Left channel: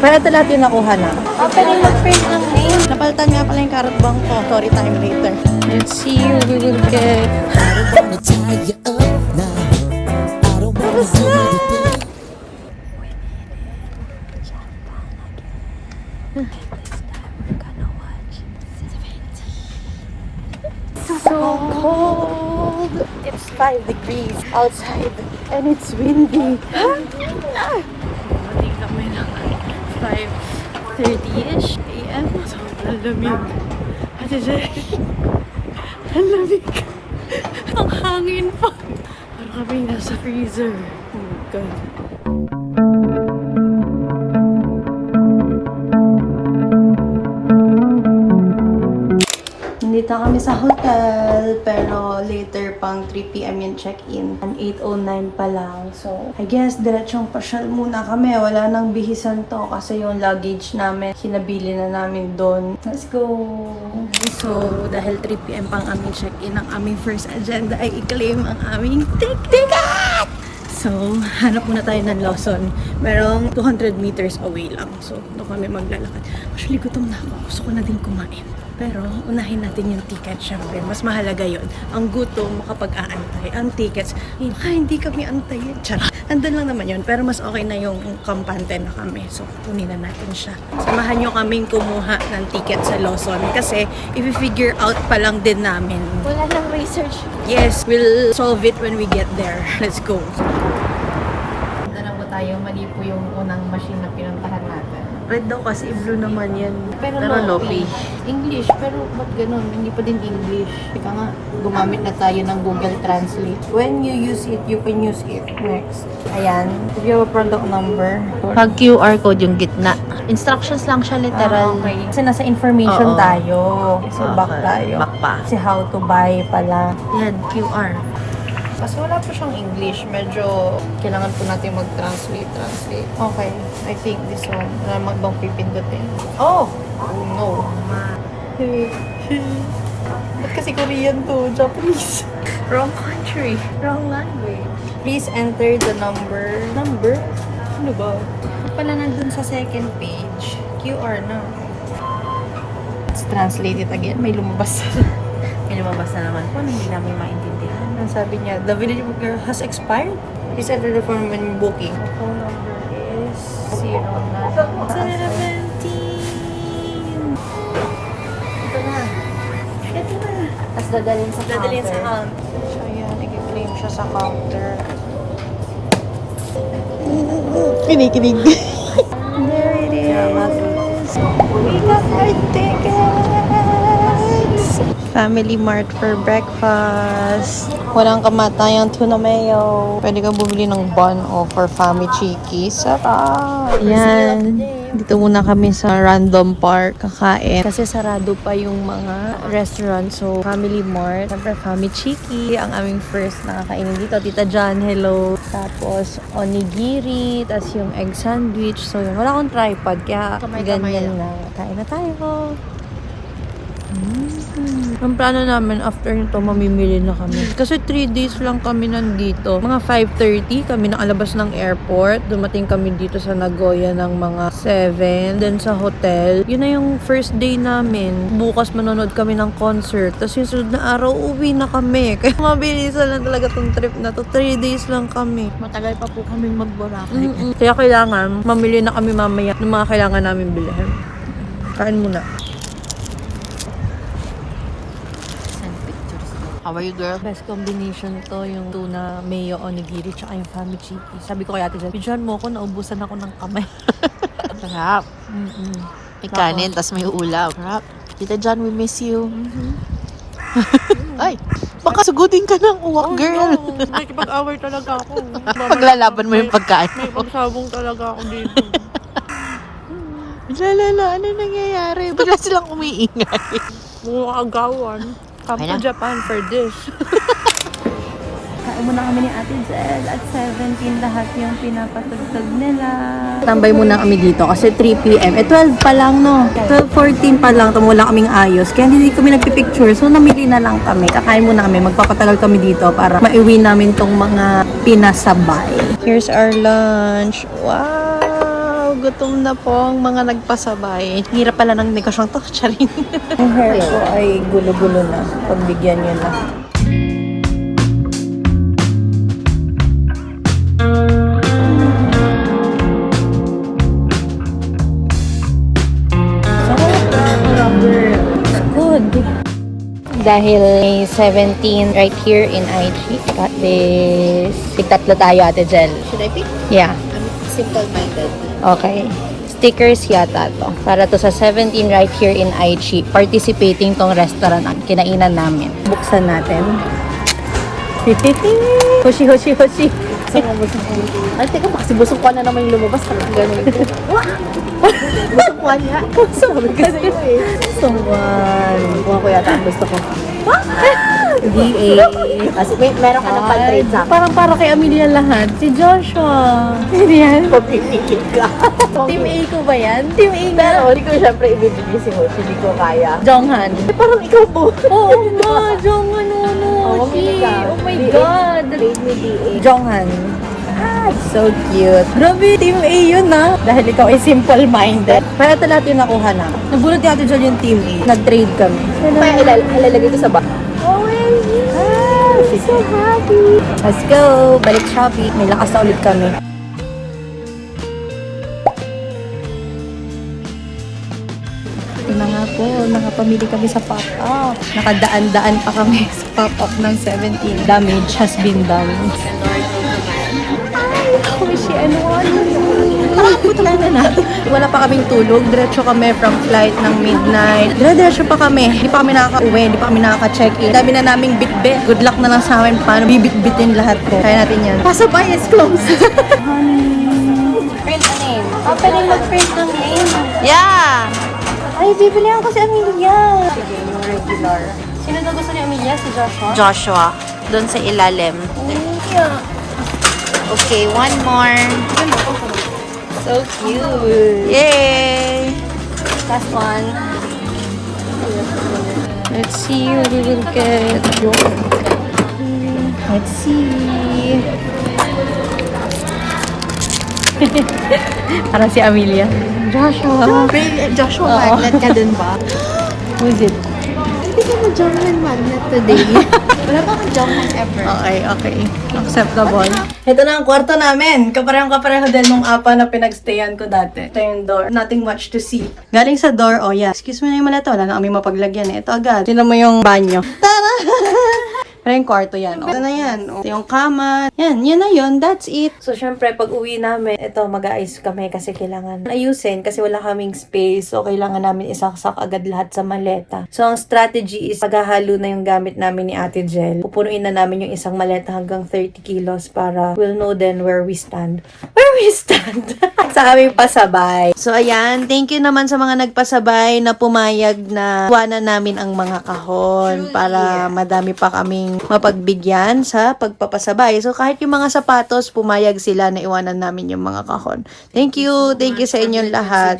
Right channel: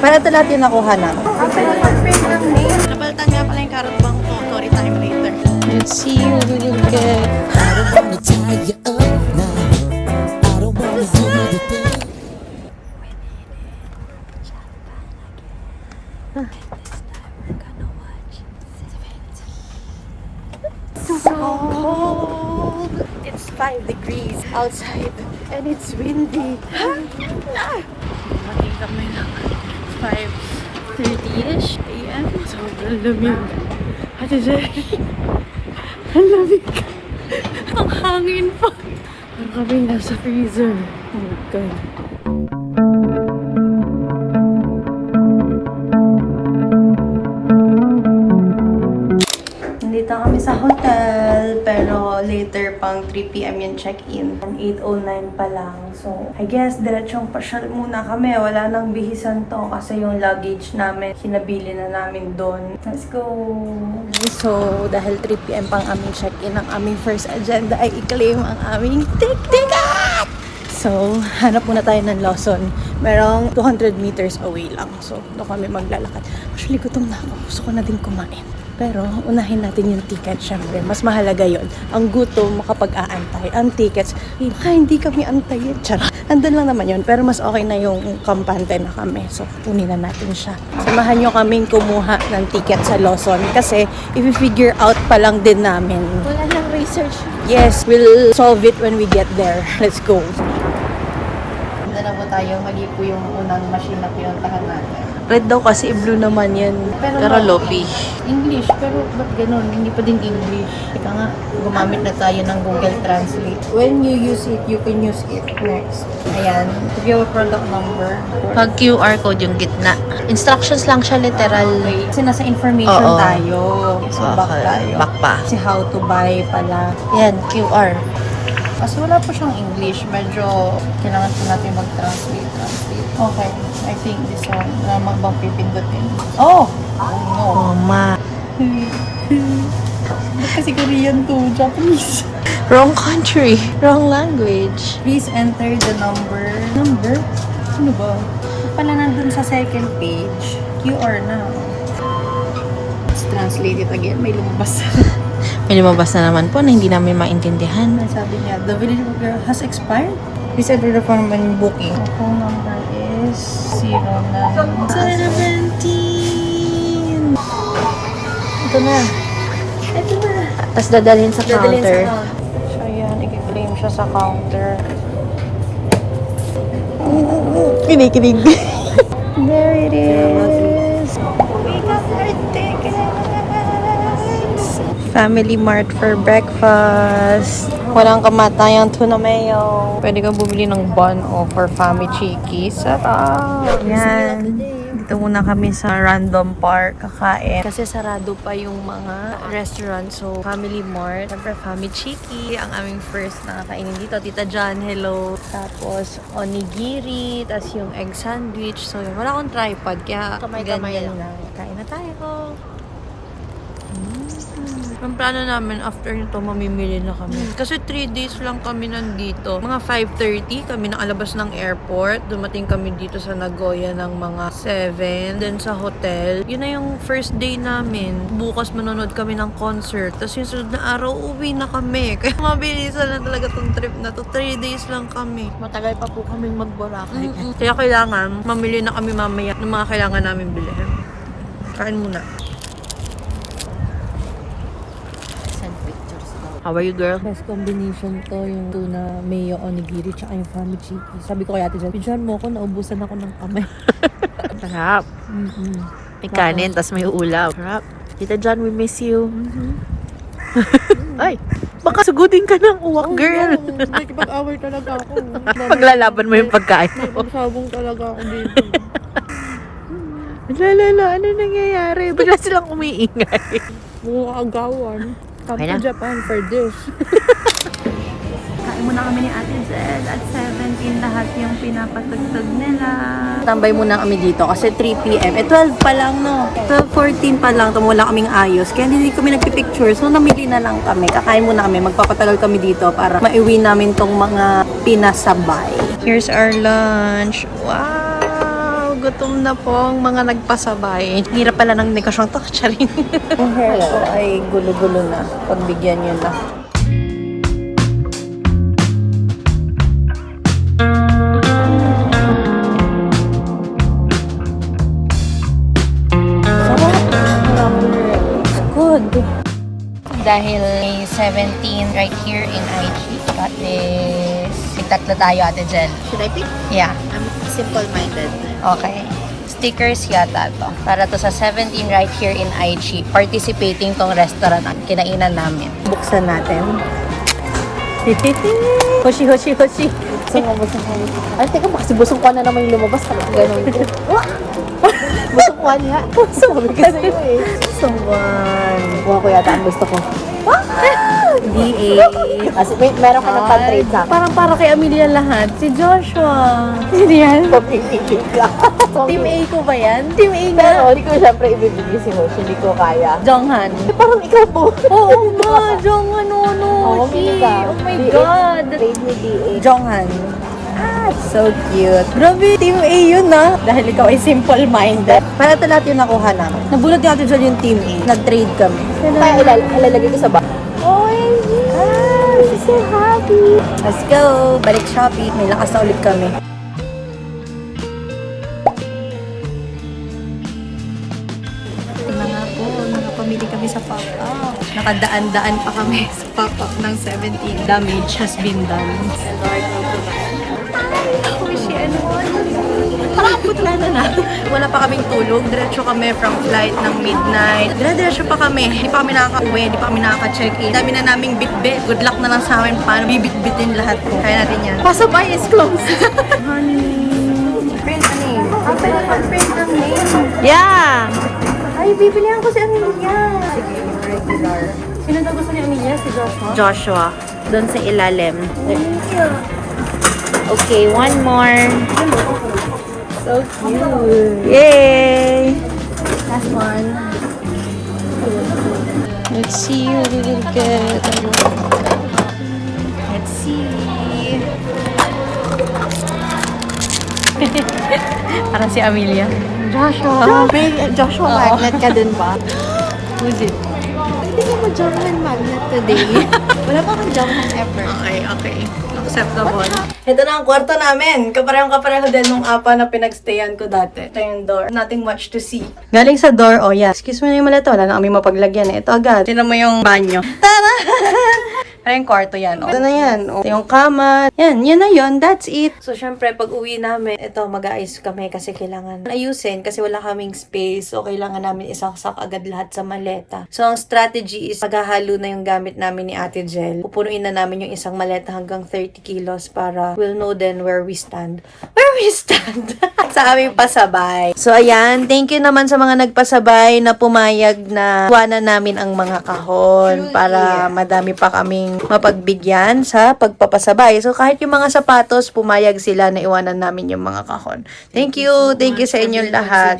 Pero ito lahat yung nakuha na. Napalitan nga pala yung carrot bang ko. Story time later. Let's see what we will get. I don't wanna tie you up now. I don't wanna do the thing. So cold. It's 5 degrees outside and it's windy. Dumating kami ng 5:30ish AM. Sobrang lamig. Ate Zay, ang lamig. Ang hangin pa. Parang kami nasa freezer. Oh my God. Nandito kami sa hotel, pero later pang 3 PM yung check-in. 8:09 pa lang. So, I guess diretsong pasyal muna kami. Wala nang bihisan to kasi yung luggage namin, hinabili na namin doon. Let's go! So, dahil 3 PM pang aming check-in, ang aming first agenda ay i-claim ang aming ticket! So, hanap muna tayo ng Lawson. Merong 200 meters away lang. So, doon kami maglalakad. Actually, gutom na ako. Gusto ko na din kumain. Pero, unahin natin yung ticket, syempre. Mas mahalaga yon. Ang gutom, makapag-aantay. Ang tickets, baka hindi kami antayin. Charot. Andun lang naman yun. Pero mas okay na yung kampante na kami. So, kunin na natin siya. Samahan nyo kaming kumuha ng ticket sa Lawson. Kasi, if we figure out pa lang din namin. Wala nang research. Yes, we'll solve it when we get there. Let's go. Na po tayo, mali po yung unang machine na pinuntahan natin. Red daw kasi, blue naman yan. Pero Lopi. English, pero ba't ganun? Hindi pa din English. Teka nga, gumamit na tayo ng Google Translate. When you use it, you can use it. Next. Ayan. Give you a product number. Pag QR code yung gitna. Instructions lang siya, literal. Kasi nasa information Oo. tayo. So, back tayo. Back pa. Kasi how to buy pala. Yan, QR. Kasi wala po siyang English. Medyo kailangan po natin mag-translate. Okay. I think this one. Wala namang bang pipindutin. Oh! Oh, ma. Ba't kasi Korean to? Japanese. Wrong country. Wrong language. Please enter the number. Number? Ano ba? Pala nandun sa second page. QR na. Let's translate it again. May lumabas. May lumabas na naman po na hindi namin maintindihan. Ang sabi niya, the validity has expired. Please enter the form and booking. The phone number is 09. 17! Ito na. Tapos dadalhin sa counter. So, ayan. I-claim siya sa counter. Kinikinig. There it is. We got our tickets. Family Mart for breakfast. Walang kamatayang tuna mayo. Pwede kang bumili ng bun o for family cheeky. Sarap! Yan. Dito muna kami sa random park kakain. Kasi sarado pa yung mga restaurant. So, Family Mart. Siyempre, Family Cheeky. Ang aming first na kakainin dito. Tita John, hello. Tapos, onigiri. Tapos yung egg sandwich. So, yun. Wala akong tripod. Kaya, ganyan lang. Kain na tayo. Ang plano namin after nito, mamimili na kami. Kasi 3 days lang kami nandito. Mga 5:30 kami nakalabas ng airport. Dumating kami dito sa Nagoya ng mga 7. Then sa hotel. Yun na yung first day namin. Bukas manonood kami ng concert. Tapos yung sunod na araw, uwi na kami. Kaya mabilisan lang talaga tong trip na to. 3 days lang kami. Matagal pa po kaming mag-Boracay. Kaya kailangan, mamili na kami mamaya ng mga kailangan namin bilhin. Kain muna. How are you, girl? Best combination to, yung tuna, mayo, onigiri, tsaka yung family cheeky. Sabi ko kay Ate Jan, bidyan mo ko, naubusan ako ng kamay. Sarap. May kanin, tas may ulam. Sarap. Tita John, we miss you. Ay, baka sugudin ka ng uwak, girl. No. Nakipag-away talaga ako. Paglalaban mo yung pagkain May mo. pagsabong talaga ako dito. Lala, ano nangyayari? Bigla silang umiingay. Mga agawan. Come Kaya to na. Japan for this. Kain muna kami ni Ate Zed at 17 lahat yung pinapatugtog nila. Tambay muna kami dito kasi 3 PM. 12 pa lang, no? 12:14 pa lang. Tumula kaming ayos. Kaya hindi kami nagpipicture. So, namili na lang kami. Kakain muna kami. Magpapatagal kami dito para maiwi namin tong mga pinasabay. Here's our lunch. Wow! Gutom na po ang mga nagpasabay. Hirap pala ng negosyong to, charing. Yung hair ko ay gulo-gulo na. Pagbigyan nyo na. Sarap. It's good. Dahil may 17 right here in IG. Got this. Tigtatlo tayo, Ate Jel. Should I pick? Yeah. I'm simple-minded. Okay. Stickers yata to. Para to sa 17 right here in IG. Participating tong restaurant ang kinainan namin. Buksan natin. Hoshi, hoshi, hoshi. Ay, teka, baka si Busong Kwan na naman yung lumabas. Busong Kwan nga. Suwan. Suwan. Okay, ate, gusto ko. DA. Kasi wait, meron ka na pag-grade sa Parang para kay Amelia lahat. Si Joshua. Sino yan? Team A ko ba yan? Team A nga. Hindi ko syempre ibibigay si Hoshi, hindi ko kaya. Jonghan. Parang ikaw po. Oo nga, Jonghan Uno. Oh my God. Grade ni DA. Jonghan. Ah, so cute. Grabe, Team A yun ah. Dahil ikaw ay simple-minded. Para ito lahat yung nakuha namin. Nabunot natin dyan yung Team A. Nag-trade kami. Kaya ilalagay ko sa bag. Ah, she's so happy. Let's go. Balik Shopee. May lakas na ulit kami. Ito na nga po, nakapamili kami sa pop-up. Nakadaan-daan pa kami sa pop-up ng 17. Damage has been done. Ay, Hoshi, ano? Parapot lang na. Wala pa kaming tulog. Diretso kami from flight ng midnight. Diretso pa kami. Hindi pa kami nakaka-uwi. Hindi pa kami nakaka-check-in. Dami na naming bit-bit. Good luck na lang sa amin. Paano bibit-bitin lahat ko. Kaya natin yan. Pasabay is close. Print a name. Pwede mag-print a name. Yeah! Ay, bibilihan ko si Amelia. Regular. Sino daw gusto ni Amelia? Si Joshua? Joshua. Doon sa ilalim. Okay, one more. So cute. Yay! Last one. Let's see what we will get. Let's see. Parang si Amelia. Joshua. Okay, Joshua, Oo. magnet ka din ba? Who is it? Hindi ka mag-Johan magnet today. Wala ba kang Johan ever? Okay, okay. Acceptable. Ito na ang kwarto namin. Kapareho din nung apa na pinagstayan ko dati. Ito yung door. Nothing much to see. Galing sa door, oh yeah. Excuse me na yung malito. Wala na kami mapaglagyan eh. Ito agad. Sino mo yung banyo? Tara! Ito yung kwarto yan. Oh. Ito na yan. Oh. Ito yung kama. Yan na yun. That's it. So, syempre, pag uwi namin, ito, mag-aayos kami kasi kailangan ayusin kasi wala kaming space. So, kailangan namin isaksak agad lahat sa maleta. So, ang strategy is paghahalo na yung gamit namin ni Ate Jel. Pupunuin na namin yung isang maleta hanggang 30 kilos para we'll know then where we stand. Where we stand? Sa aming pasabay. So, ayan. Thank you naman sa mga nagpasabay na pumayag na iwanan namin ang mga kahon para madami pa kaming mapagbigyan sa pagpapasabay. So, kahit yung mga sapatos, pumayag sila na iwanan namin yung mga kahon. Thank you. Thank you sa inyong lahat.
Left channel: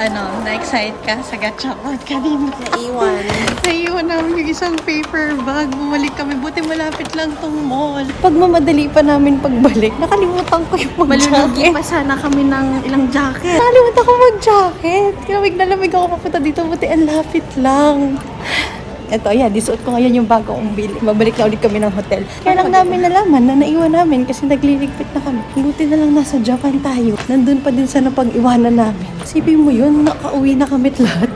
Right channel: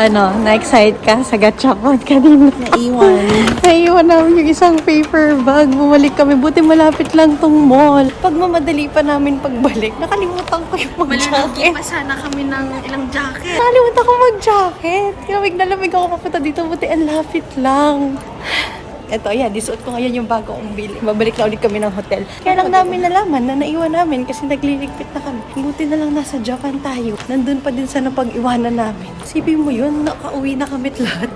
Ano, na-excite ka sa gachapon kanina? Naiwan namin yung isang paper bag. Bumalik kami. Buti malapit lang tong mall. Pag mamadali pa namin pagbalik, nakalimutan ko yung mag-jacket. pa sana kami ng ilang jacket. Nakalimutan ko mag-jacket. Lamig na lamig ako papunta dito. Buti ang lapit lang. Ito, yeah, disuot ko ngayon yung bago kong bili. Babalik na ulit kami ng hotel. Kaya lang namin nalaman na naiwan namin kasi nagliligpit na kami. Buti na lang nasa Japan tayo. Nandun pa din sa napag-iwanan namin. Sipin mo yun, nakauwi na kami lahat.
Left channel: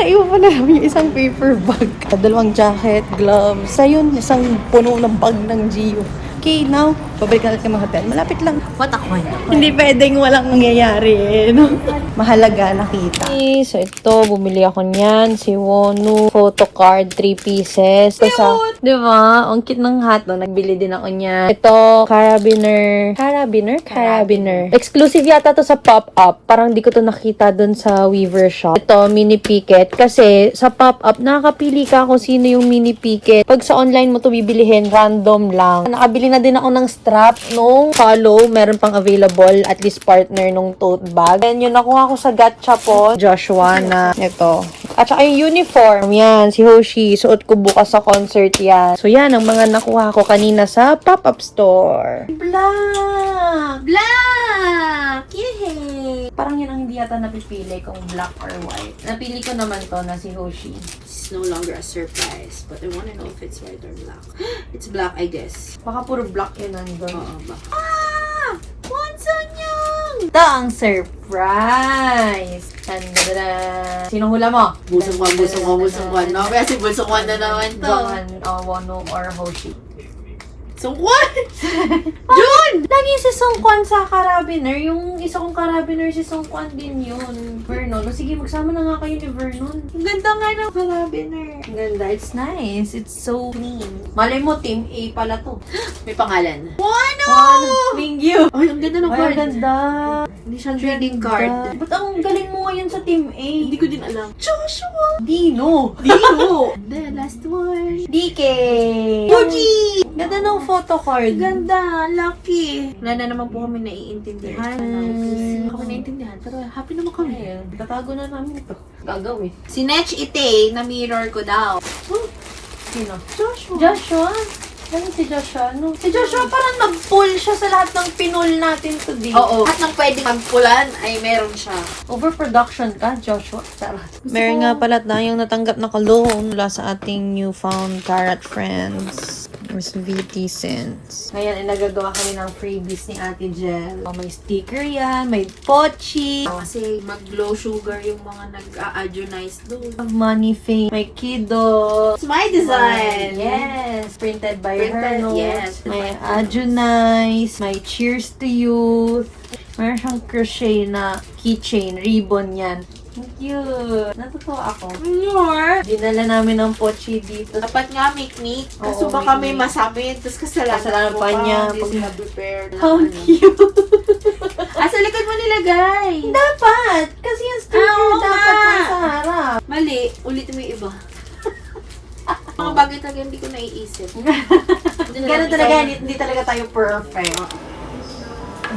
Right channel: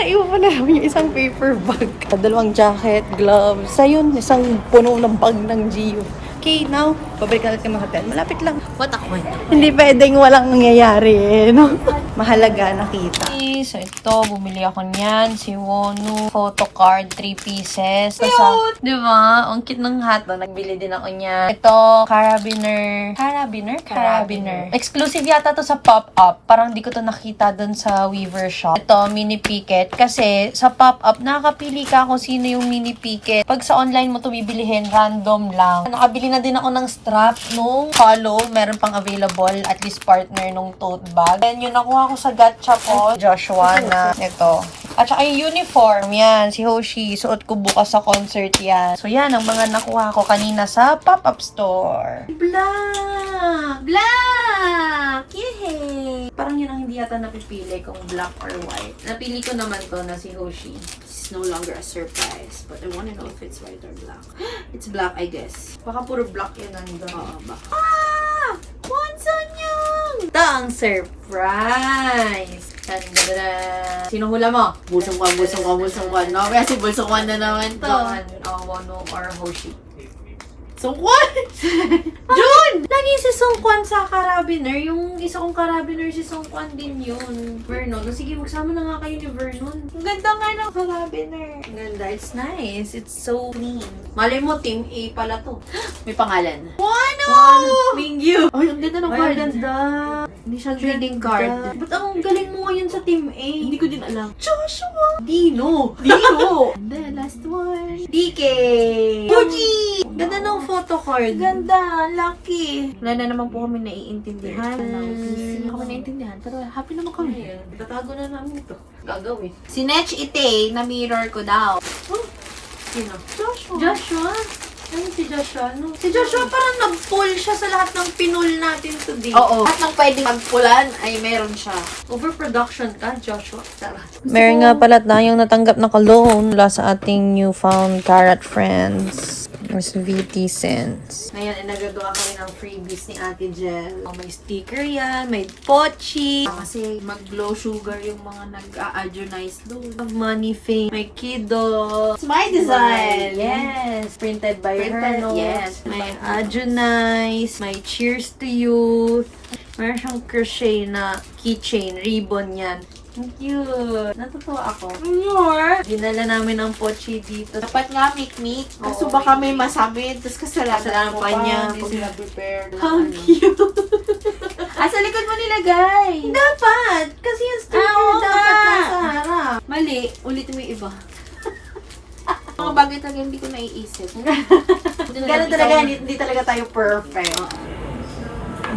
Naiwan pa na namin yung isang paper bag. Dalawang jacket, gloves. Ayun, isang puno ng bag ng Gio. Okay, now, babalik na ulit kami ng hotel. Malapit lang. What a coin. Hindi pwedeng walang nangyayari. No? Mahalaga nakita. So, ito, bumili ako niyan. Si Wonu. Photo card, 3 pieces. Ito sa, di ba? Ang cute ng hat. No? Nagbili din ako niya. Ito, carabiner. Carabiner. Exclusive yata to sa pop-up. Parang di ko to nakita dun sa Weaver shop. Ito, mini picket. Kasi, sa pop-up, nakakapili ka kung sino yung mini picket. Pag sa online mo to bibilihin, random lang. Nakabili na din ako ng strap, no? Follow, meron pang available, at least partner nung tote bag. And yun, nakuha ko sa Gachapon. Joshua na ito. At saka yung uniform, yan, si Hoshi. Suot ko bukas sa concert yan. So yan, ang mga nakuha ko kanina sa pop-up store. Blah! Blah! Yay! Parang yun ang hindi yata napipili kung black or white. Napili ko naman to na si Hoshi. It's no longer a surprise, but I wanna know if it's white or black. It's black, I guess. Baka puro black yun nandun. Oo, black. Ah! What's on yun? Ito ang surprise! Tandara! Sino hula mo? Busong one. No, kasi busong one na naman to. Johan, Wono, or Hoshi. Sungkwan! Jun! Lagi si Songkwan sa Carabiner. Yung isa kong Carabiner, si Songkwan din yun. Vernon. O sige, magsama na nga kayo ni Vernon. Ang ganda nga ng Carabiner. Ang ganda. It's nice. It's so clean. Malay mo, Team A pala to. May pangalan. Mingyu! Ay, ang ganda ng Ay, card. ang ganda. Hindi siya trading card. Ba't ang galing mo ngayon sa Team A? Hindi ko din alam. Joshua! Dino! Dino! The last one. DK! Fuji! Ganda ng photo card. Ganda! Lucky! Wala na naman po kami naiintindihan. Hindi kami naiintindihan. Pero happy naman kami. Ayun, tatago na namin ito. Gagawin. Si Nech Ite, na mirror ko daw. Sino? Joshua! Joshua? Ano si Joshua? No? Si Joshua parang nag-pull siya sa lahat ng pinol natin today. Oo. At nang pwede magpulan, ay meron siya. Overproduction ka, Joshua. Sarap. Meron nga pala tayong natanggap na cologne mula sa ating newfound carrot friends. Miss VT Sense. Ngayon ay nagagawa kami ng freebies ni Ate Jel. May sticker yan, may pochi, Kasi mag-low sugar yung mga nag-a-adjunize doon. money fame, may kiddo. It's my design! Yes! Printed by Printed, her notes. yes. May Adjunice, may Cheers to Youth. Meron siyang crochet na keychain, ribbon yan. Thank you! Natutuwa ako. More? Dinala namin ng pochi dito. Dapat nga make-make. Kaso Oo, baka may make-make. masabi. Tapos kasalanan Kasalanan ko pa niya. Hindi sila prepared. How cute! Sa likod mo nilagay. Dapat! Kasi yung sticker Oo dapat nga. nasa harap. Mali. Ulitin mo yung iba. Mga bagay talaga hindi ko naiisip. Ganun talaga, hindi talaga tayo perfect.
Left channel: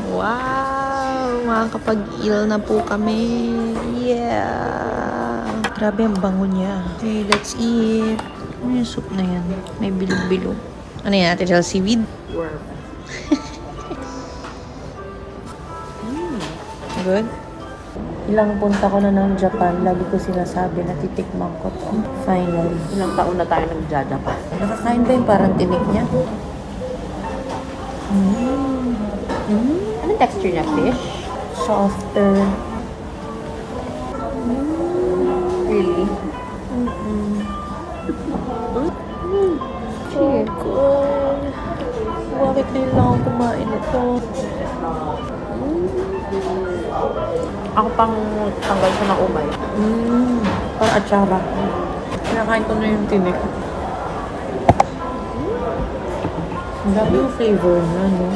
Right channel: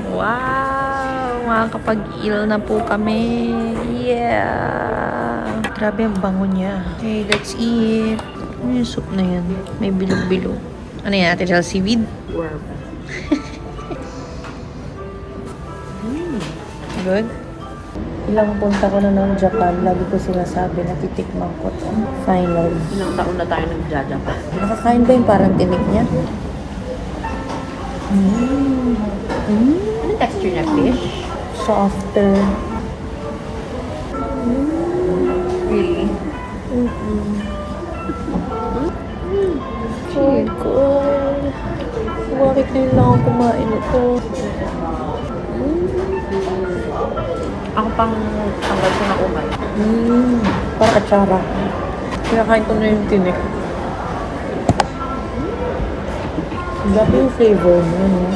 Wow! Makakapag-ill na po kami. Yeah! Grabe ang bango niya. Okay, let's eat. Ano yung soup na yan? May bilog-bilog. Ano yan? Ate Jel, seaweed? Worm. Good? Ilang punta ko na ng Japan, lagi ko sinasabi na titikman ko to. Finally. Ilang taon na tayo nag-jada pa. Nakakain ba yung parang tinik niya? Anong texture niya, fish? Softer. Really? Oh God. Bakit ngayon lang ako kumain ito? Ang pang-tanggal ko na umay. Parang atsara. Kinakain ko na yung tinik. Grabe yung flavor niya, no?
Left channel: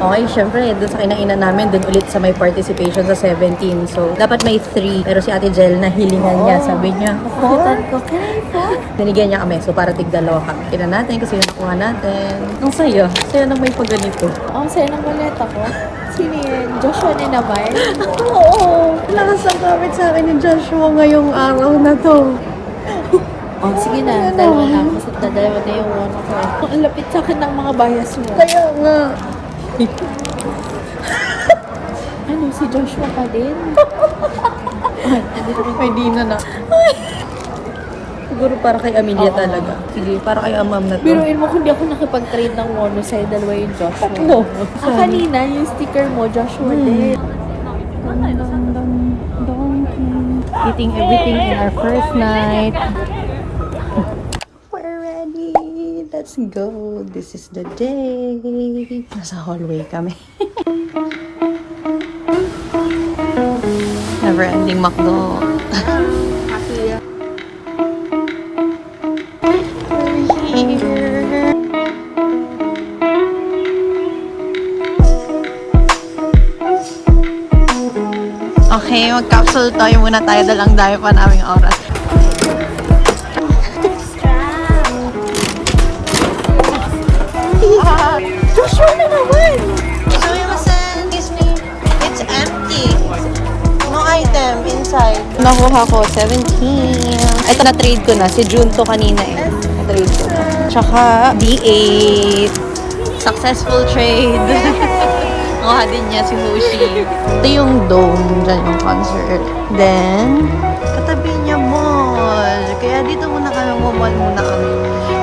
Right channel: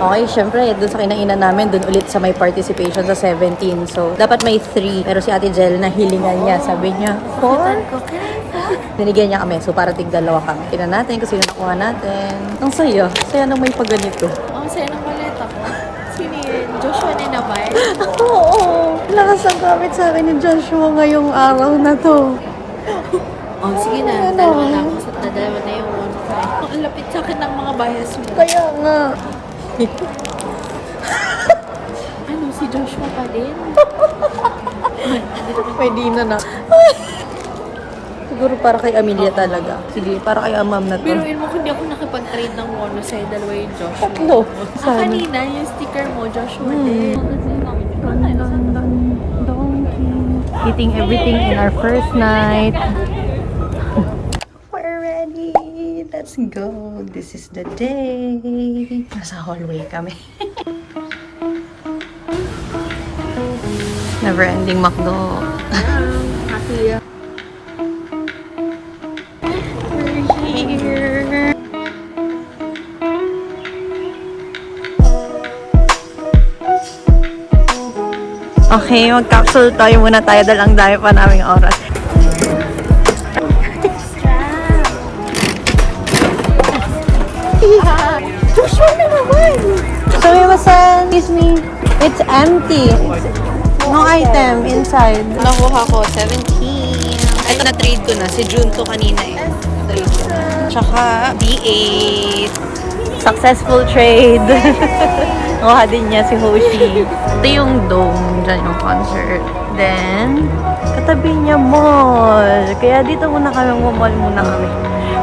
Okay, syempre, dun sa kinainan namin, dun ulit sa may participation sa 17. So, dapat may 3. Pero si Ate Jel, nahilingan niya. Sabi niya, 4? ko, can I fall? Binigyan niya kami. So, para tig-dalawa kami. Kina natin kasi yung nakuha natin. Ang saya. Saya nang may pagganito. Ang saya ng maleta ko. Sino yun? Joshua na naman? Oo. Lakas ang gamit sa akin ni Joshua ngayong araw na to. Oh, sige na. Dalawa na ako. Dalawa na yung wono ko eh. Ang lapit sa akin ng mga bias mo. Kaya nga. Ano, si Joshua pa din? Pwede na. Siguro para kay Amelia talaga. Sige, para kay Amam na to. Biruin mo kung di ako nakipag-trade ng wono sa'yo, dalawa yung Joshua. Tatlo. Kanina, yung sticker mo, Joshua din. Eating everything in our first night. We're ready. Let's go. This is the day. Nasa hallway kami. Never ending McDo. We're here. Okay, mag-capsule tayo muna tayo dahil ang dami pa naming oras. Sumimasen! Excuse me. It's empty. No item inside. Nakuha ko, 17. Ito na-trade ko na. Si Junto kanina eh. Na-trade ko na. Tsaka, D8. Successful trade. Kuha din niya si Hoshi. Ito yung dome, dyan yung concert. Then, katabi niya mall. Kaya dito muna kami, mall muna kami.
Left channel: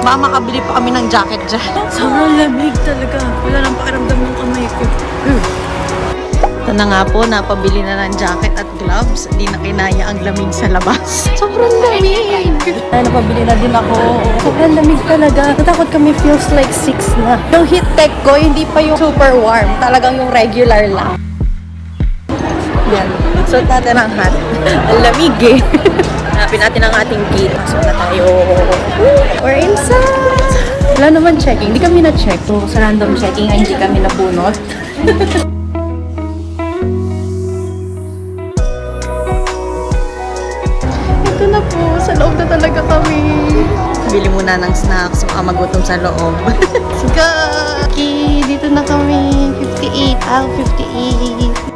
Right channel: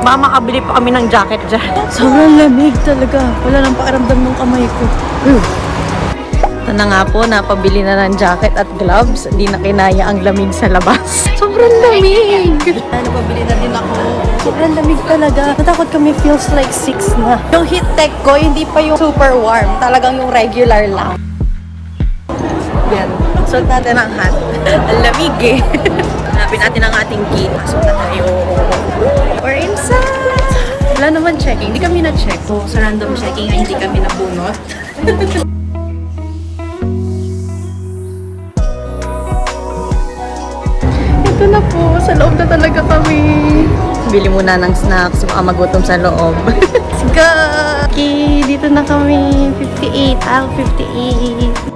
Baka makabili pa kami ng jacket dyan. Sobrang lamig talaga. Wala nang pakiramdam ng kamay ko. Ito na nga po, napabili na ng jacket at gloves. Hindi na kinaya ang lamig sa labas. Sobrang lamig! Ay, napabili na din ako. Sobrang lamig talaga. Natakot kami, feels like 6 na. Yung heat tech ko, hindi pa yung super warm. Talagang yung regular lang. Yan. Suot natin ang hat. Ang lamig eh. Hanapin natin ang ating key. Pasok na tayo. We're inside! Wala naman checking. Hindi kami na-check. So, sa random checking ay hindi kami nabunot. Ito na po, sa loob na talaga kami. Bili muna ng snacks, baka magutom sa loob. Let's go! Okay, dito na kami. 58, aisle 58.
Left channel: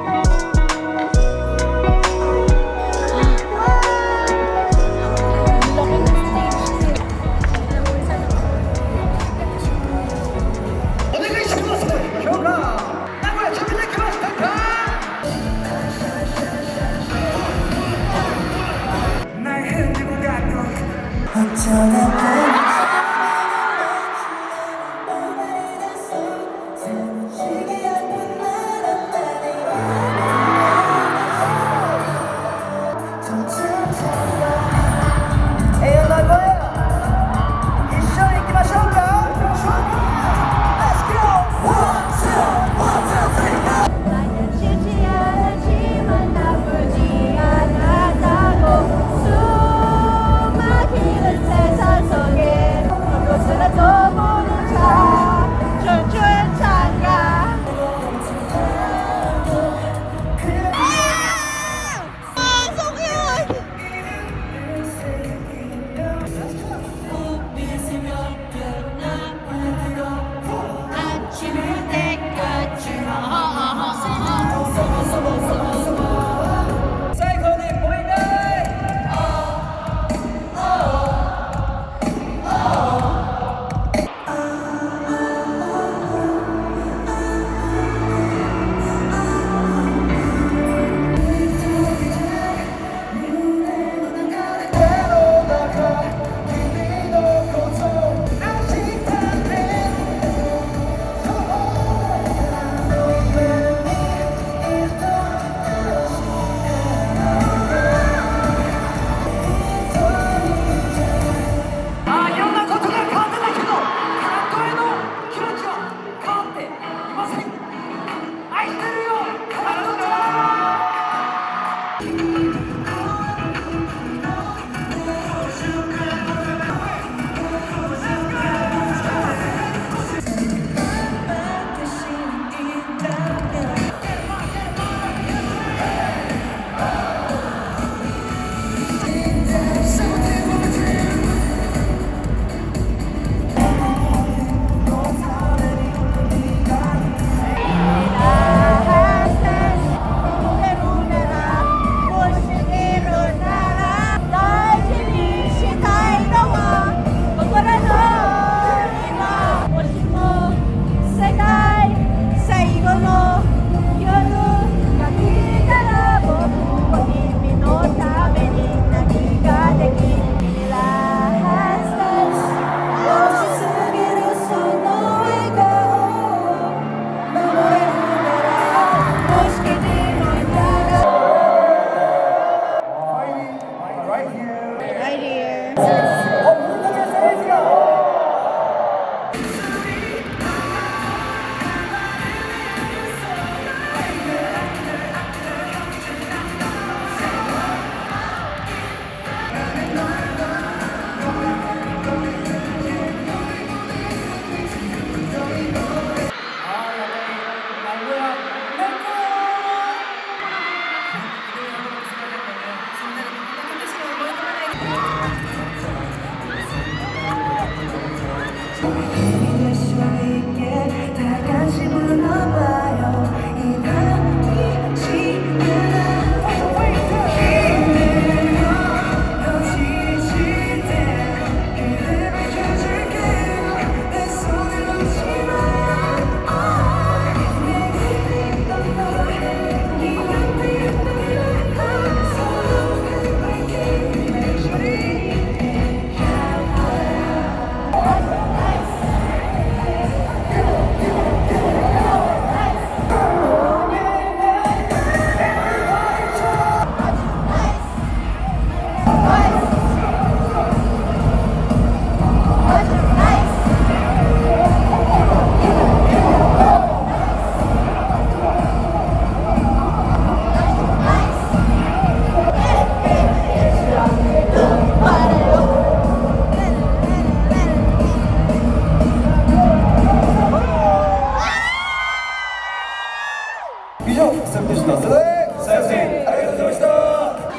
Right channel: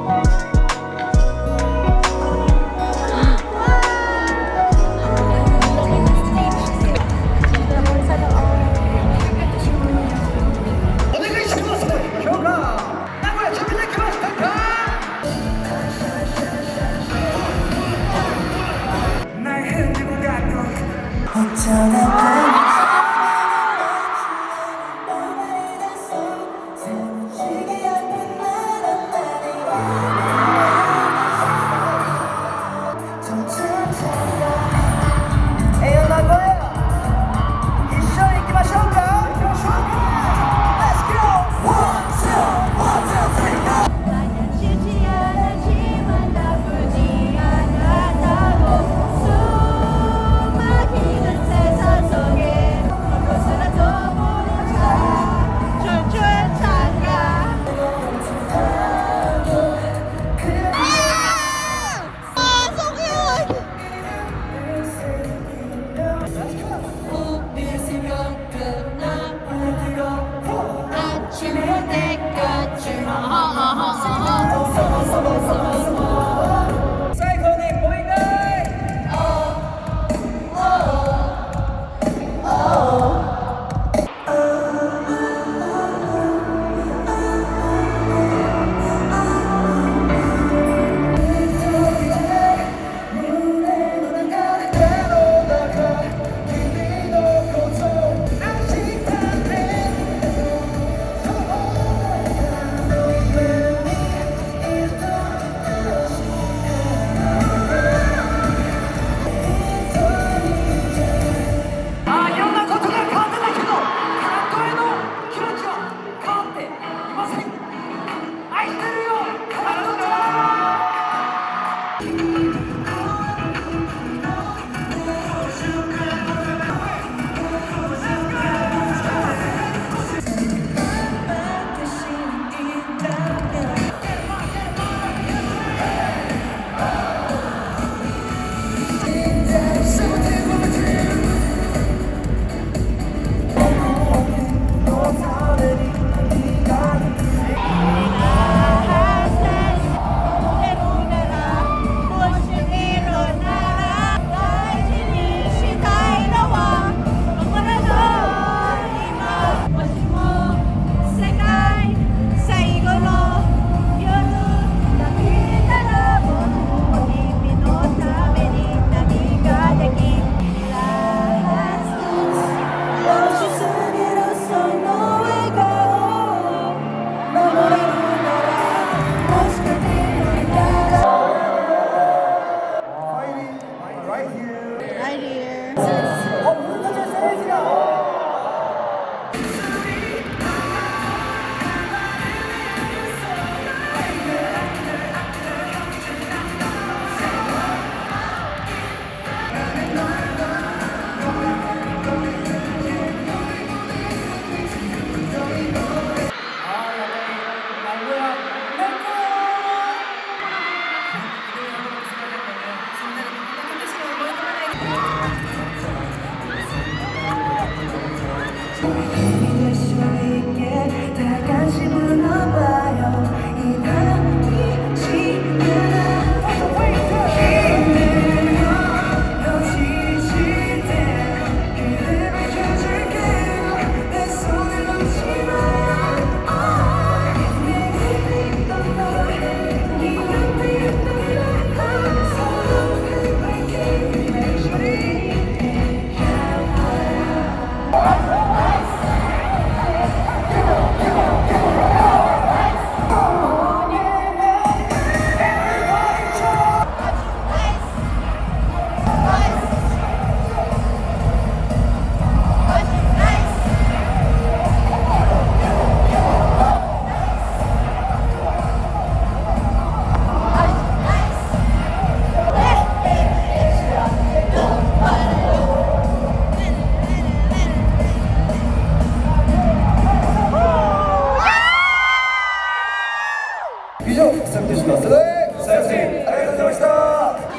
以上、セットしますので、最後にありがとうございました。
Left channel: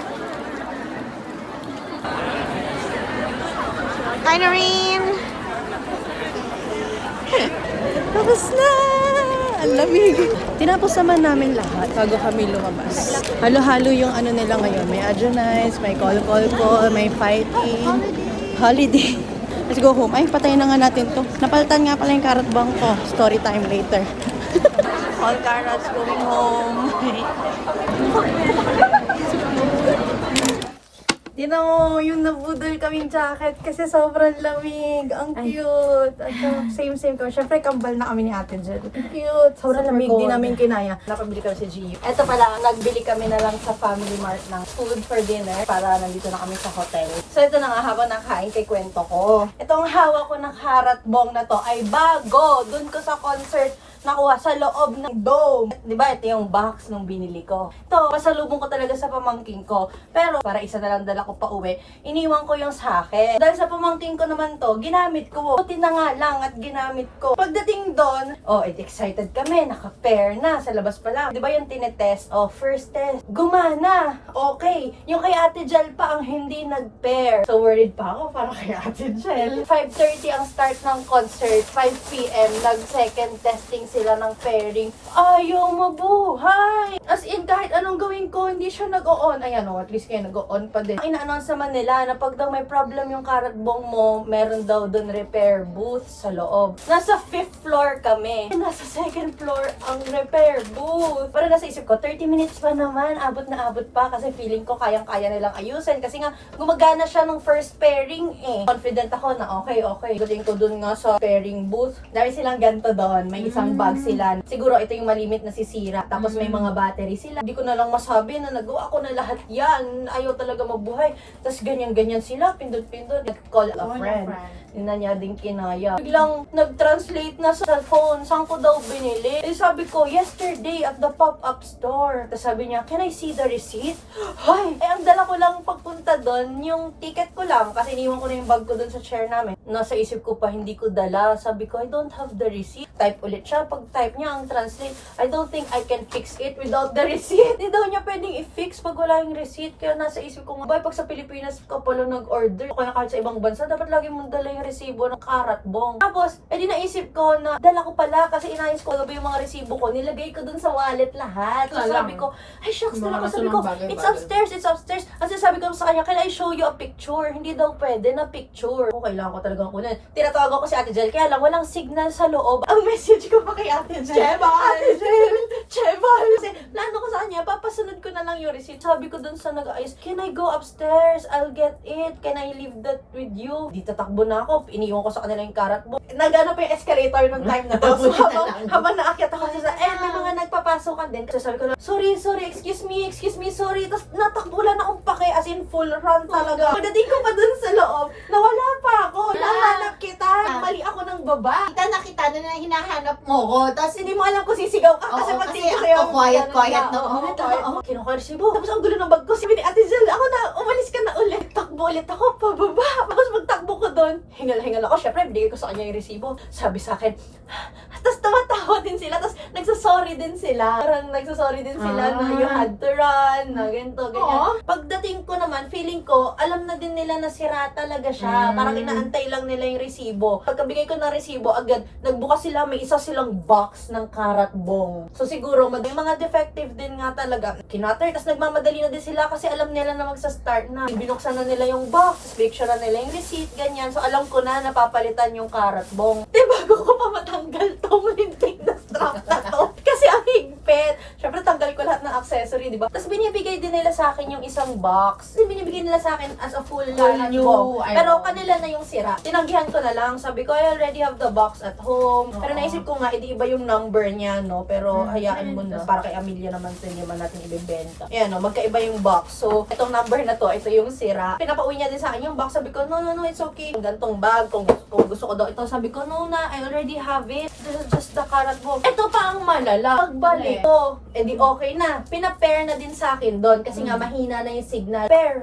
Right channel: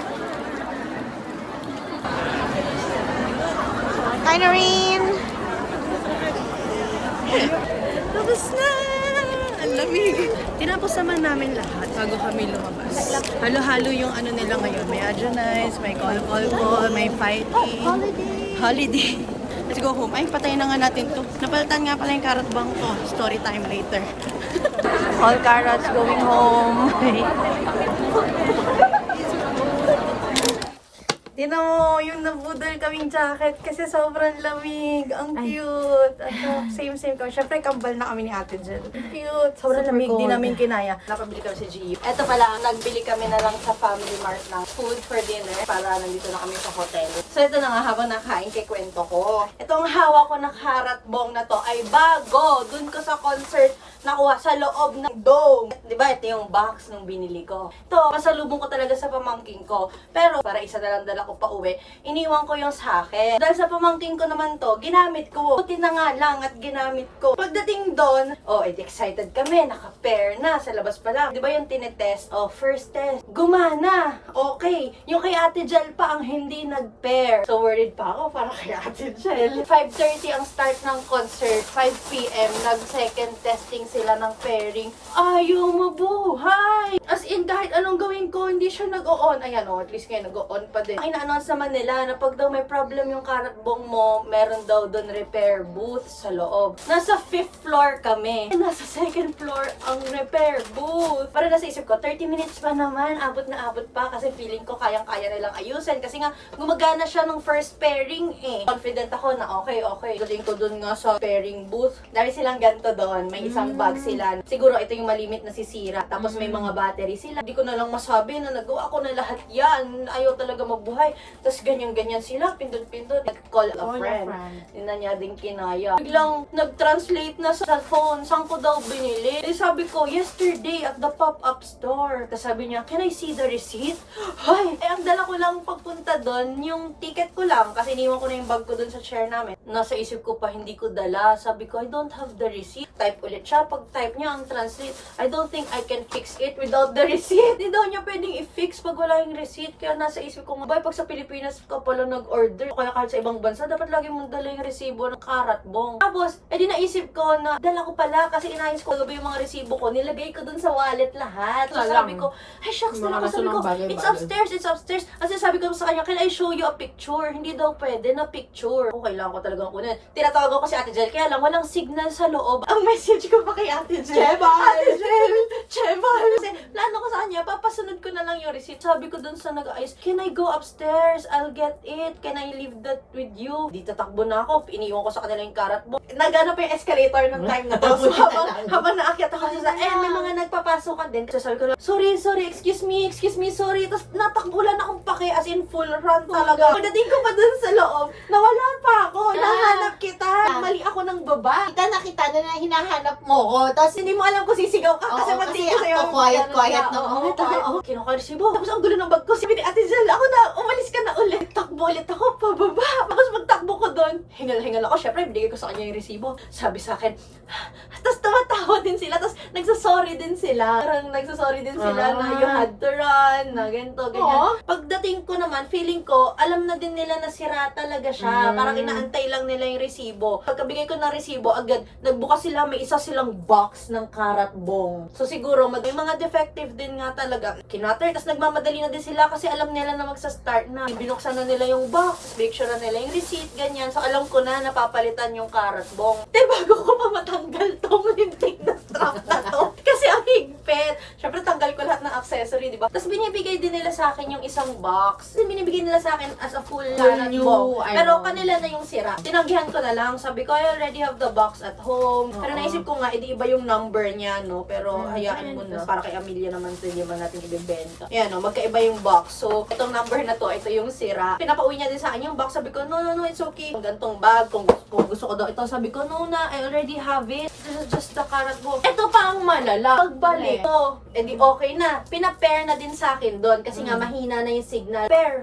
Hi, Noreen! Tapos na! Ang lamig! Tinapos naman namin lahat bago kami lumabas. Halo-halo yung ano nila ngayon. May Adjonize, may call, may fighting. Holiday! Let's go home. Ay, patayin na nga natin to. Napalitan nga pala yung carrot bang ko. Story time later. All carrots going home. Tingnan mo, yung nabudol kaming jacket kasi sobrang lamig. Ang cute. Ano, same kami. Siyempre, kambal na kami ni Ate Jel. Cute. Sobrang lamig. Di namin kinaya. Napabili kami sa GU. Eto pala, nagbili kami na lang sa Family Mart ng food for dinner para nandito na kami sa hotel. So, ito na nga, habang nakain kay kwento ko. Itong hawak ko ng karat bong na to ay bago. Dun ko sa concert nakuha sa loob ng dome. Diba, ito yung box nung binili ko. Ito, pasalubong ko talaga sa pamangking ko. Pero, para isa na lang dala ko pa uwi, iniwan ko yung sa akin. Dahil sa pamangking ko naman to, ginamit ko. Puti na nga lang at ginamit ko. Pagdating doon, excited kami, naka-pair na, sa labas pa lang. Diba yung tinetest? First test, gumana. Okay. Yung kay Ate Jel pa ang hindi nag-pair. So, worried pa ako para kay Ate Jel. 5:30 ang start ng concert. 5 p.m. nag-second testing sila ng pairing. Ayaw mabuhay! As in, kahit anong gawin ko, hindi siya nag-o-on. Ayan at least kayo nag-o-on pa din. Ang ina-announce naman nila na pag daw may problem yung karat bong mo, meron daw doon repair booth sa loob. Nasa 5th floor kami. Nasa 2nd floor ang repair booth. Para nasa isip ko, 30 minutes pa naman, abot na abot pa kasi feeling ko kayang-kaya nilang ayusin. Kasi nga, gumagana siya nung first pairing eh. Confident ako na okay. Galing ko doon nga sa pairing booth. Dami silang ganito doon. May isang bag sila. Siguro ito yung malimit na sisira. Tapos may mga battery sila. Hindi ko na lang masabi na nagawa ko na lahat yan. Ayaw talaga mabuhay. Tapos ganyan-ganyan sila. Pindot-pindot. Nag-call a friend. Hindi na niya din kinaya. Biglang nag-translate na sa phone. Saan ko daw binili? Sabi ko, yesterday at the pop-up store. Tapos sabi niya, can I see the receipt? Ay, ang dala ko lang pagpunta doon, yung ticket ko lang. Kasi iniwan ko na yung bag ko doon sa chair namin. Nasa isip ko pa, hindi ko dala. Sabi ko, I don't have the receipt. Type ulit siya. Pag-type niya ang translate, I don't think I can fix it without the receipt. Hindi daw niya pwedeng i-fix pag wala yung receipt. Kaya nasa isip ko, pag sa Pilipinas ka pala nag-order, kaya kahit sa ibang bansa, dapat lagi mong dala yung resibo ng karat bong. Tapos, edi naisip ko na, dala ko pala kasi inayos ko gabi yung mga resibo ko, nilagay ko dun sa wallet lahat. So sabi ko, ay shucks, dala ko. Sabi ko, it's upstairs. Kasi sabi ko sa kanya, can I show you a picture? Hindi daw pwede na picture. Kailangan ko talagang kunin. Tinatawag ko si Ate Jel, kaya lang walang signal sa loob. Ang message ko pa kay Ate Jel, Cheval! Kasi plano ko sa kanya, papasunod ko na lang yung receipt. Sabi ko dun sa nag-ayos, can I go upstairs? I'll get it. Can I leave that with you? Di tatakbo na ako. Iniwan ko sa kanila yung karat mo. Nagana pa yung escalator ng time na to. So habang naakyat ako sa may mga nagpapasokan din. So sabi ko na, sorry, excuse me, sorry. Tapos natakbo lang akong pake, as in full run talaga. Pagdating ko pa dun sa loob, nawala pa ako. Hinahanap kita. Mali ako ng baba. Kita na kita na hinahanap mo ko. Tapos Hindi mo alam kung sisigaw ka kasi magsigaw sa'yo. quiet na. Kinuha ko resibo. Tapos ang gulo ng bag ko. Sabi ni Ate Jel, ako na, umalis ka na ulit. Takbo ulit ako, pababa. Tapos magtakbo ko doon. Hingal ako. Syempre, binigay ko sa kanya yung resibo. Sabi sa akin, tapos tumatawa din sila. Tapos nagsasorry din sila. Parang nagsasorry din sila na you had to run, na ganito, ganyan. Pagdating ko naman, feeling ko, alam na din nila na sira talaga siya. Parang inaantay lang nila yung resibo. Pagkabigay ko ng resibo, agad, nagbukas sila, may isa silang box ng karat bong. So siguro, may mga defective din nga talaga. Kinater, tapos nagmamadali na din sila kasi alam nila na magsa-start na. Binuksan na nila yung box, make sure na nila yung receipt, ganyan. So alam ko na napapalitan yung karat bong. Bago ko pa matanggal tong lintik na strap na to. Kasi ang higpit. Syempre, tanggal ko lahat ng accessory, di ba? Tapos binibigay din nila sa akin yung isang box. Then binibigay nila sa akin as a full karat bong. Pero kanila na yung sira. Tinanggihan ko na lang. Sabi ko, I already have the box at home. Pero naisip ko nga, edi iba yung number niya, no? Pero hayaan mo na. Para kay Amelia naman ito, hindi man natin ibebenta. Ayan, no? Magkaiba yung box. So, itong number na to, ito yung sira. Pinapauwi niya din sa akin yung box. Sabi ko, no, it's okay. Gantong bag, kung gusto ko daw ito. Sabi ko, no na, I already have it. This is just the karat bong. Ito pa ang malala. Pagbalik ko, edi okay na. pair na din sa akin doon kasi nga mahina na yung signal. Pair.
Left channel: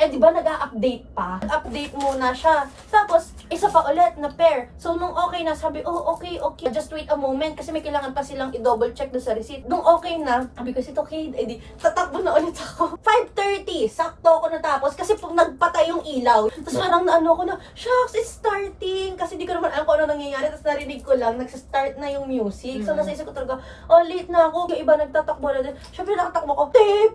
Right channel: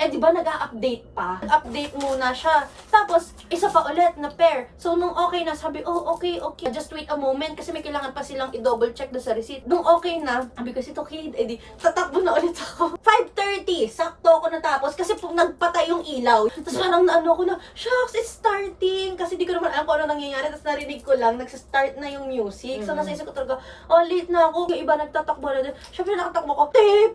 Eh di ba nag-a-update pa? Update muna siya. Tapos, isa pa ulit na pair. So, nung okay na, sabi, oh, okay. Just wait a moment kasi may kailangan pa silang i-double check doon sa receipt. Nung okay na, sabi ko, okay, edi, tatakbo na ulit ako. 5:30, sakto ako natapos kasi pag nagpatay yung ilaw. Tapos parang naano ko na, shucks, it's starting. Kasi di ko naman alam kung ano nangyayari. Tapos narinig ko lang, nag-start na yung music. So, nasa isip ko talaga, late na ako. Yung iba nagtatakbo na din. Siyempre, nakatakbo ko,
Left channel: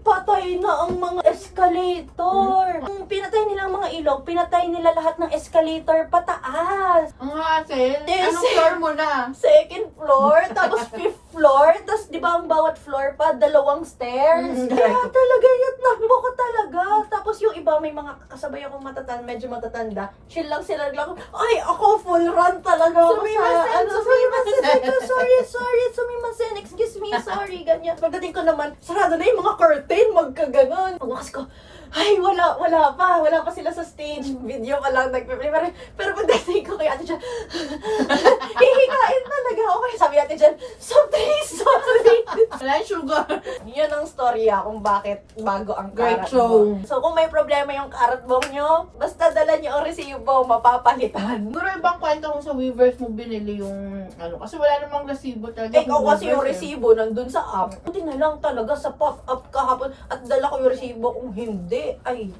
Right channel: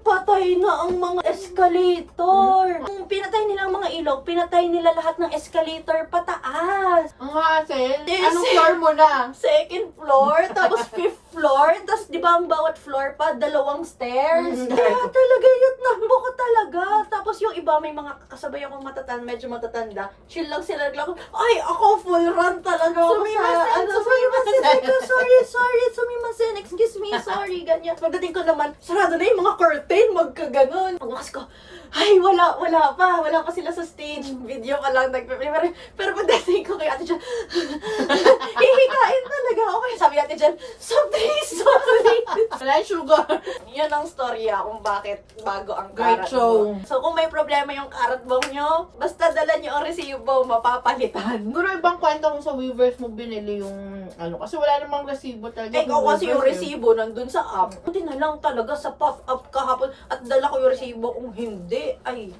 patay na ang mga escalator. Kung pinatay nila ang mga ilog, pinatay nila lahat ng escalator pataas. Ang hassle. Yes. Anong floor mo na? Second floor, tapos fifth floor, tapos di ba ang bawat floor pa, 2 stairs. Kaya talaga yun, nakbo ko talaga. Tapos yung iba, may mga kasabay akong medyo matatanda, chill lang sila, ay, ako full run talaga ako sumimasen, excuse me, sorry, ganyan. Pagdating ko naman, sarado na yung mga curtain, magkaganon. Pagwakas ko, ay, wala pa sila sa stage. Video pa lang, nagpe-play. Pero pagdating ko kay Ate Jan, hihikain talaga ako. Kaya sabi Ate Jan, sorry. Wala yung sugar. Yun ang storya kung bakit bago ang Great karat show. bomb. So, kung may problema yung karat bomb nyo, basta dala nyo ang resibo, mapapalitan. Siguro ibang kwento kung sa Weavers mo binili yung ano. Kasi wala namang resibo talaga. Ikaw kasi yung resibo nandun sa app. Hindi na lang talaga sa pop-up kahapon at dala ko yung resibo. Kung hindi, ay,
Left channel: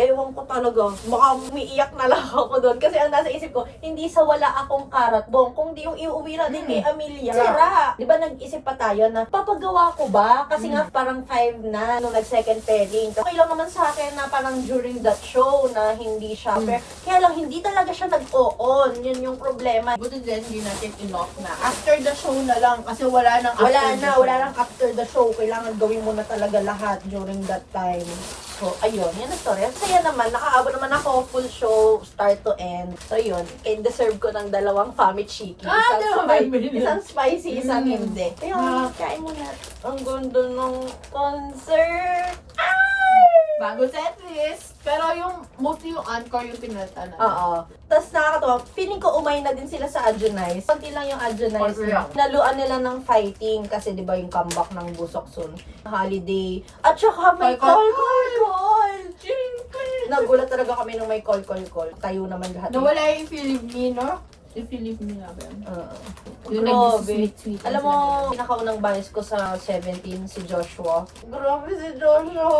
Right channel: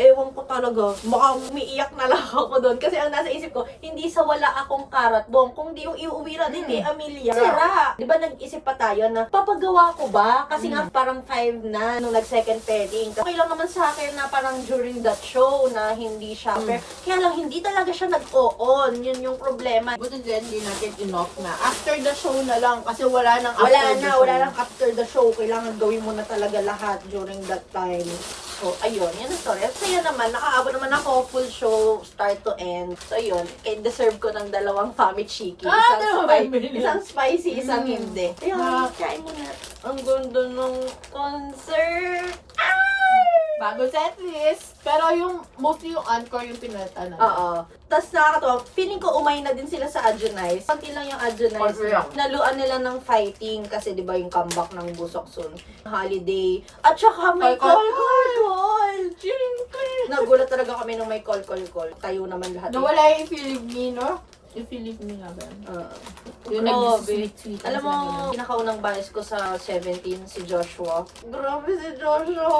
ewan ko talaga. Baka umiiyak na lang ako doon. Kasi ang nasa isip ko, hindi sa wala akong karat bomb. Kung di yung iuwi natin kay Amelia. Sira. Di ba nag-isip pa tayo na, papagawa ko ba? Kasi nga parang 5 na nung nag-second pairing. Okay lang naman sa akin na parang during that show na hindi siya. Pero, kaya lang, hindi talaga siya nag-o-on. Yun yung problema. Buti din, hindi natin inoff na. After the show na lang. Kasi wala nang after the show. Wala nang after the show. Kailangan gawin mo na talaga lahat during that time. So, ayun, yan ang story. At saya naman, nakaabot naman ako full show, start to end. So, yun, deserve ko ng 2 Fami Chiki. Isang spicy, isang hindi. Ayun, kain mo na. Ang ganda ng concert. Bago set list. Pero yung, mostly yung encore yung pinalitan na. Oo. Tapos nakakatawa, feeling ko umay na din sila sa Adjonize. Kunti lang yung Adjonize. Naluan nila ng fighting kasi di ba yung comeback ng Busok Soon. Holiday. At saka may call. Nagulat talaga kami nung may call. Tayo naman lahat. Nawala yung Philip me, no? Yung Philip me nga ba? Yung Grabe. nag-sweet. Alam mo, pinakaunang bias ko sa 17, si Joshua. Grabe si Joshua!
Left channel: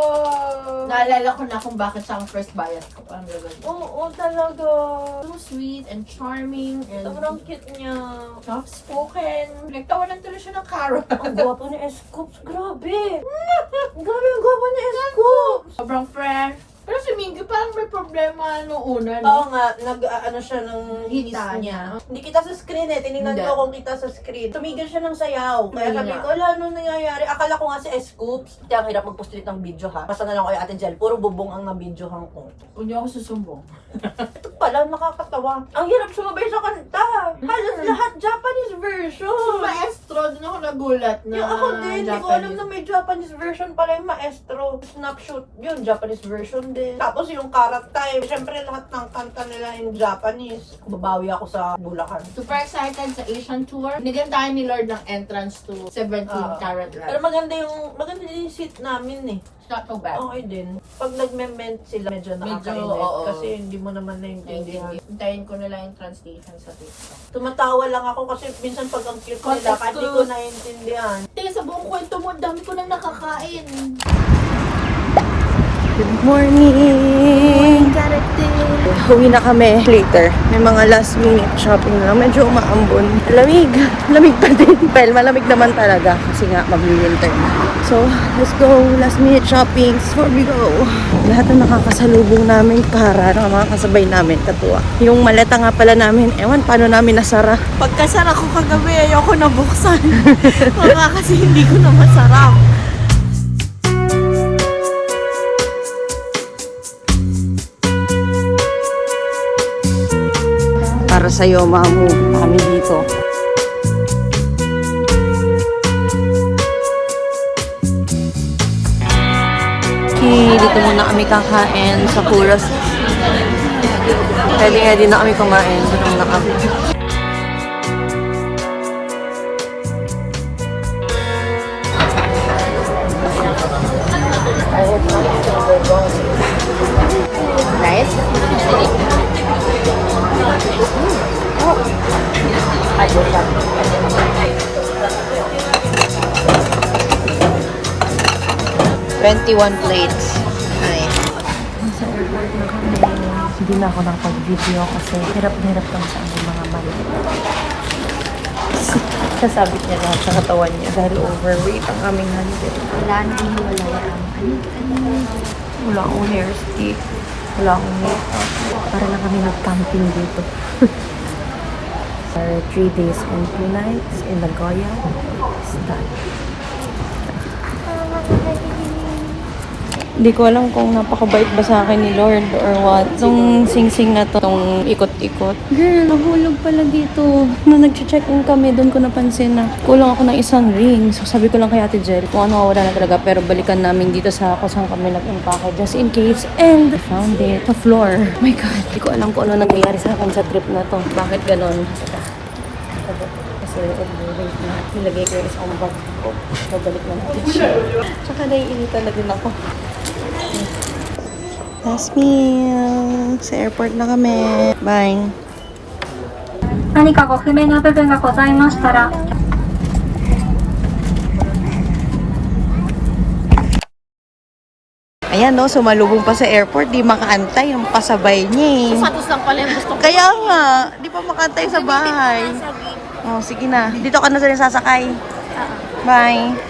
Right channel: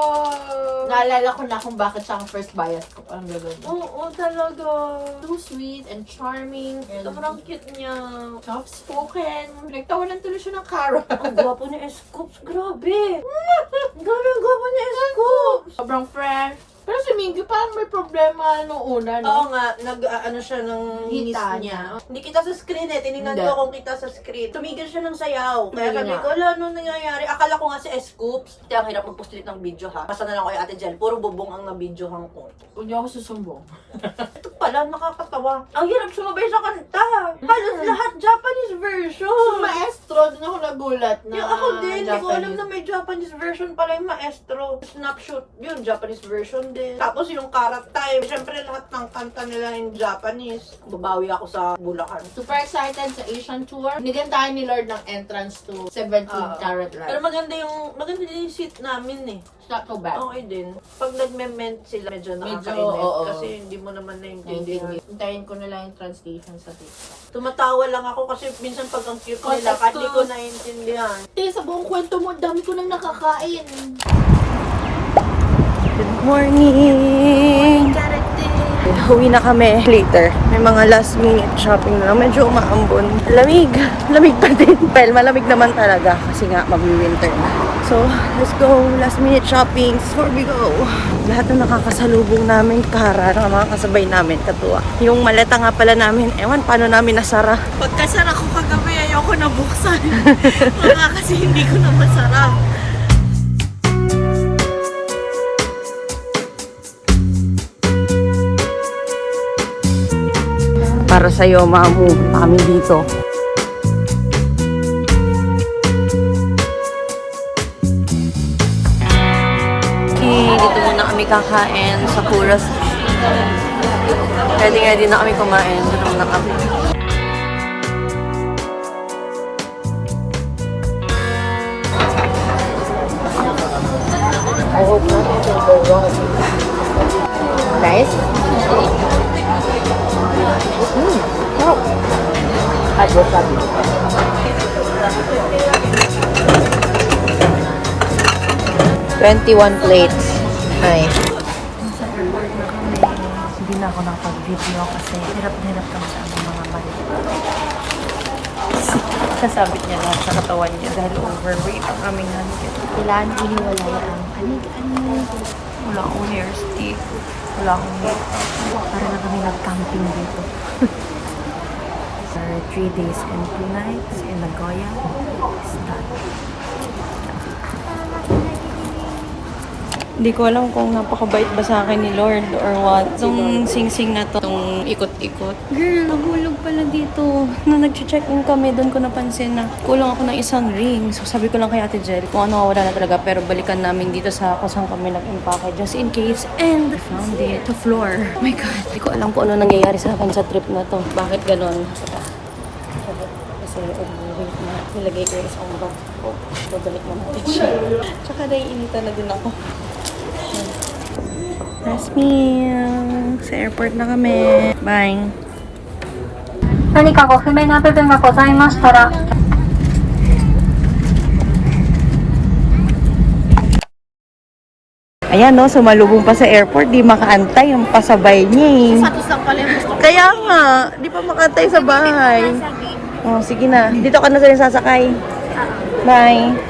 Naalala ko na kung bakit siya ang first bias ko. Parang gano'n. Oo, talaga. So sweet and charming and Sobrang cute niya. soft-spoken. Nagtawanan tuloy siya ng carrot. Ang gwapo ni Escoops. Grabe! Grabe ang gwapo ni Escoops! Sobrang fresh. Pero si Mingy parang may problema nung una, Oo no? nga, ano siya ng hinis Hita niya. niya. Hindi kita sa screen tinignan Hindi. ko kung kita sa screen. Tumigil siya ng sayaw. Kaya Ayun sabi nga. ko, ano nangyayari? Akala ko nga si Escoops. Kaya ang hirap mag-post ulit ng video ha. Basta na lang ko yung Ate Jel. Puro bubong ang na-videohan ko. Huwag niyo ako susumbong. Ito pala, nakakatawa. Ang hirap sumabay sa kanta. Halos lahat Japanese version. Maestro, din ako nagulat na Yung ako din, hindi ko alam Japanese. na may Japanese version pala yung Maestro. Snapshot yun, Japanese version din. Tapos yung Karat Time, syempre lahat ng kanta nila in Japanese. Babawi ako sa Bulacan. Super excited sa Asian tour. Nigantahan ni Lord ng entrance to 17 Carat Pero Live. maganda din yung seat namin eh. It's not so bad. Okay din. Pag nagme-ment sila, medyo nakakainis. oo. Kasi hindi mo naman naintindihan. Hintayin ko na lang yung translation sa TikTok. Tumatawa lang ako kasi minsan pag ang cute nila, kahit hindi ko naintindihan. Sa buong kwento mo, dami ko nang nakakain. Good morning! Uwi na kami later. May mga last minute shopping na lang. Medyo umaambon. Lamig. Lamig pa din. Well, malamig naman talaga kasi nga mag-winter na. So, let's go. Last minute shopping before we go. Lahat na nakakasalubong namin kara ng mga kasabay namin katuwa. Yung maleta nga pala namin, ewan paano namin nasara. Pagkasara ko kagabi, ayoko na buksan. Baka kasi hindi ko na masarap. Para sa'yo, mamu. Kami dito. Okay, dito muna kami kakain sa Kuras. Ready na kami kumain. Dito muna kami. Guys, $21 plates. Nice. Sa airport na kami. Hindi na ako nakapag-video kasi hirap na hirap kami sa aming mga mali. Sasabit niya lahat sa katawan niya dahil overweight ang aming handle. kailangan iniwalay ang Wala akong hair stick. Wala akong makeup. Para na kami nag-camping dito. Our 3 days and 2 nights in Nagoya is done. Hindi ko alam kung napakabait ba sa akin ni Lord or what. Itong sing-sing na to, itong ikot-ikot. Girl, nahulog pala dito. Nung nag-check-in kami, doon ko napansin na kulang ako ng isang ring. So sabi ko lang kay Ate Jel, kung ano wala na talaga. Pero balikan namin dito sa kusang kami nag-impake just in case. And I found it. Sa floor. Oh my God. Hindi ko alam kung ano nangyayari sa akin sa trip na to. Bakit ganon? Kasi overweight na. Nilagay ko yung isang bag ko. Babalik na natin siya. Tsaka naiinitan na din ako. Last meal. Sa airport na kami. Bye. 何かご不明な部分がございましたら Ayan no, sumalubong pa sa airport. Di makaantay yung pasabay niya eh. Kaya nga, di pa makaantay sa bahay. Oh, sige na. Dito ka na sa sasakay. Bye.